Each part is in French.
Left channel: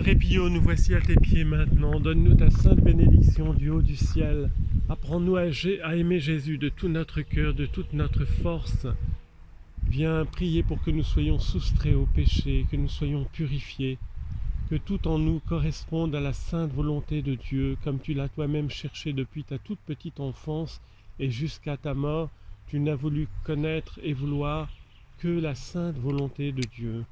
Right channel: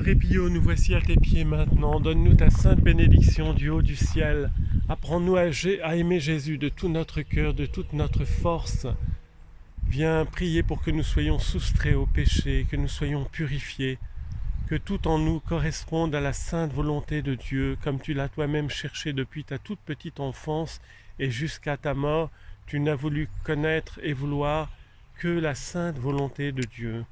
Padre Pio, nous voici à tes pieds maintenant. Donne-nous ta sainte bénédiction du haut du ciel. Apprends-nous à aimer Jésus de tout notre cœur, de toute notre force. Viens prier pour que nous soyons soustraits au péché, que nous soyons purifiés, que tout en nous corresponde à la sainte volonté de Dieu, comme tu l'as toi-même cherché depuis ta toute petite enfance et jusqu'à ta mort. Tu n'as voulu connaître et vouloir que la sainte volonté de Dieu.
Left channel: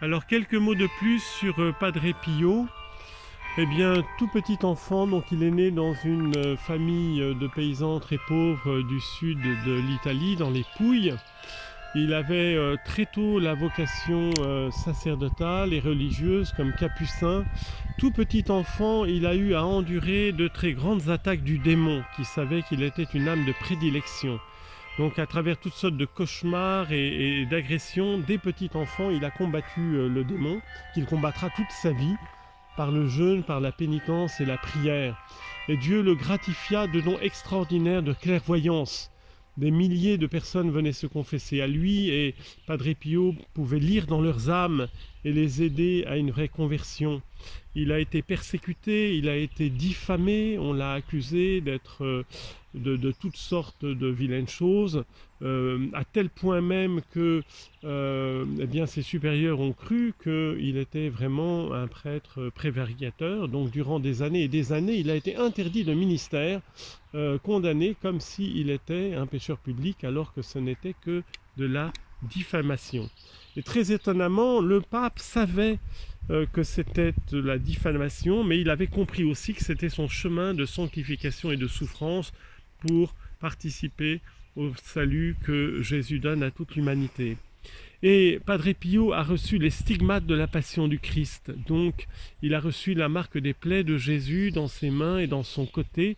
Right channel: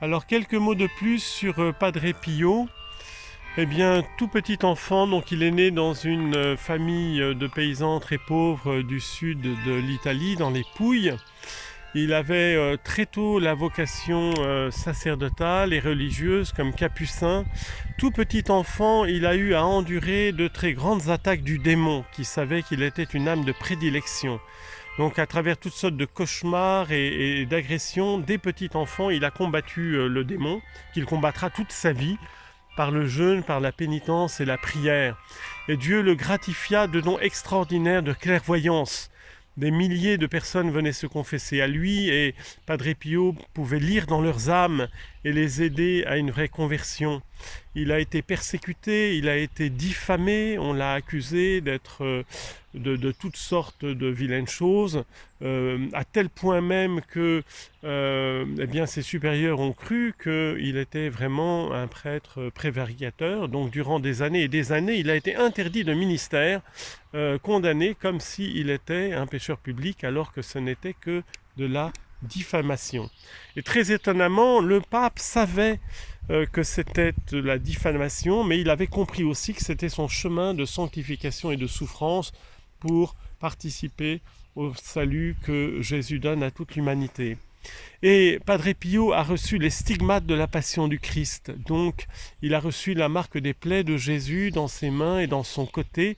Alors quelques mots de plus sur Padre Pio. Eh bien, tout petit enfant, donc il est né dans une famille de paysans très pauvres du sud de l'Italie, dans les Pouilles. Il avait très tôt la vocation sacerdotale et religieuse comme capucin. Tout petit enfant, il a eu à endurer de très grandes attaques du démon, qui savait qu'il était une âme de prédilection. Donc à travers toutes sortes de cauchemars et d'agressions, dès petit enfant, il a combattu le démon, qu'il combattra toute sa vie, par le jeûne, par la pénitence et la prière. Et Dieu le gratifia de dons extraordinaires de clairvoyance. Des milliers de personnes venaient se confesser à lui et Padre Pio pouvait lire dans leurs âmes et les aider à une vraie conversion. Il a été persécuté, il a été diffamé, on l'a accusé d'être de toutes sortes de vilaines choses, à tel point même que eh bien, ses supérieurs ont cru qu'il était vraiment un prêtre prévaricateur. Donc durant des années et des années, il a été interdit de ministère, condamné comme s'il était un pécheur public alors que ce n'était que de la diffamation. Et très étonnamment, le pape savait que c'était de la diffamation, mais il avait compris aussi que c'était son chemin de sanctification et de souffrance pour participer au salut que Jésus donne à toute l'humanité. Et Padre Pio a reçu les stigmates de la passion du Christ. Donc, il a reçu la marque des plaies de Jésus dans ses mains et dans son côté,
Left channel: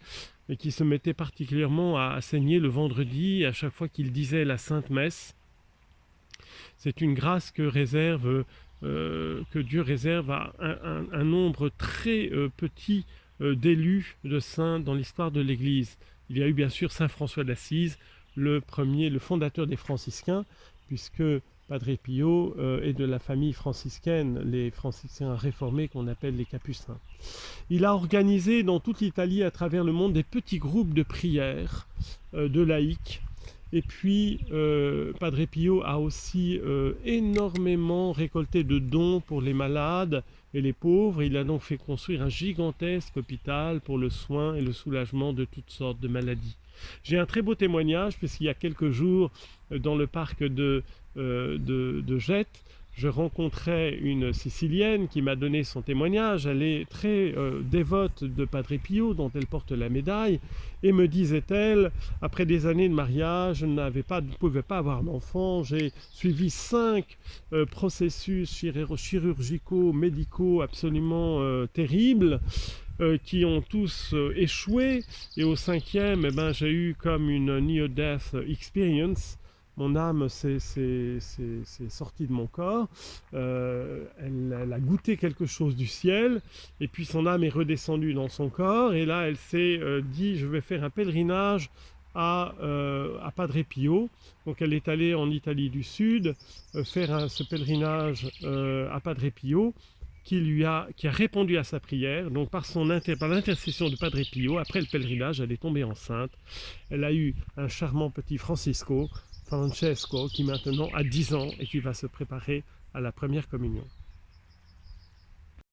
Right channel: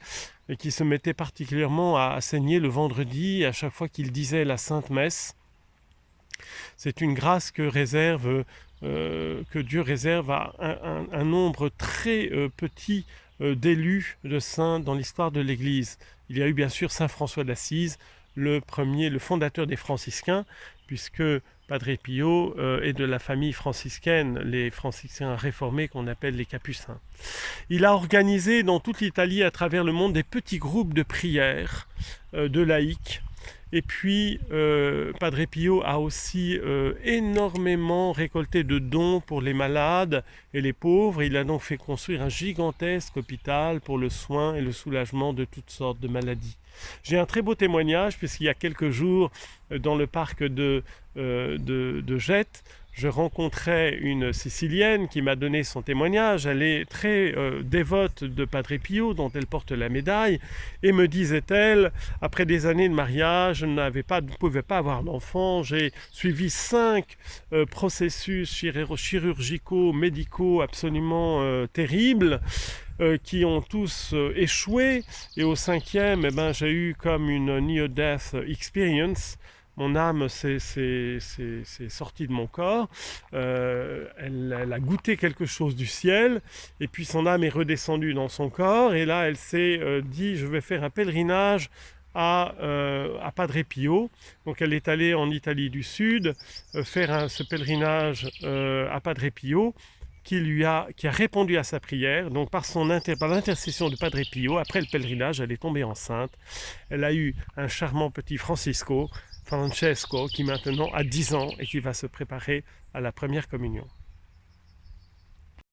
et qui se mettait particulièrement à saigner le vendredi à chaque fois qu'il disait la Sainte Messe. C'est une grâce que Dieu réserve à un nombre très petit d'élus de saints dans l'histoire de l'Église. Il y a eu bien sûr Saint François d'Assise, le fondateur des franciscains, puisque Padre Pio est de la famille franciscaine, les franciscains réformés qu'on appelle les capucins. Il a organisé dans toute l'Italie, à travers le monde, des petits groupes de prière de laïcs. Et puis, Padre Pio a aussi énormément récolté de dons pour les malades et les pauvres. Il a donc fait construire un gigantesque hôpital pour le soin et le soulagement de toutes sortes de maladies. J'ai un très beau témoignage, puisqu'il y a quelques jours, dans le parc de Gette, je rencontrais une Sicilienne qui m'a donné son témoignage. Elle est très dévote de Padre Pio, dont elle porte la médaille, et me disait-elle, après des années de mariage, je ne pouvais pas avoir d'enfant, j'ai suivi 5 processus chirurgicaux, médicaux absolument terribles, qui ont tous échoué, et au 5e, eh ben, j'ai eu comme une near-death experience. Mon âme s'est sortie de mon corps, elle a goûté quelque chose du ciel, et puis son âme est redescendue dans son corps, et là elle s'est dit, je vais faire un pèlerinage à Padre Pio. Donc elle est allée en Italie du Sud faire ce pèlerinage à Padre Pio, qui a répondu à sa prière. Donc par l'intercession de Padre Pio, après le pèlerinage, elle est tombée enceinte. Elle a eu un charmant petit Francesco, qui maintenant a 10 ans et qui va se préparer à la première communion.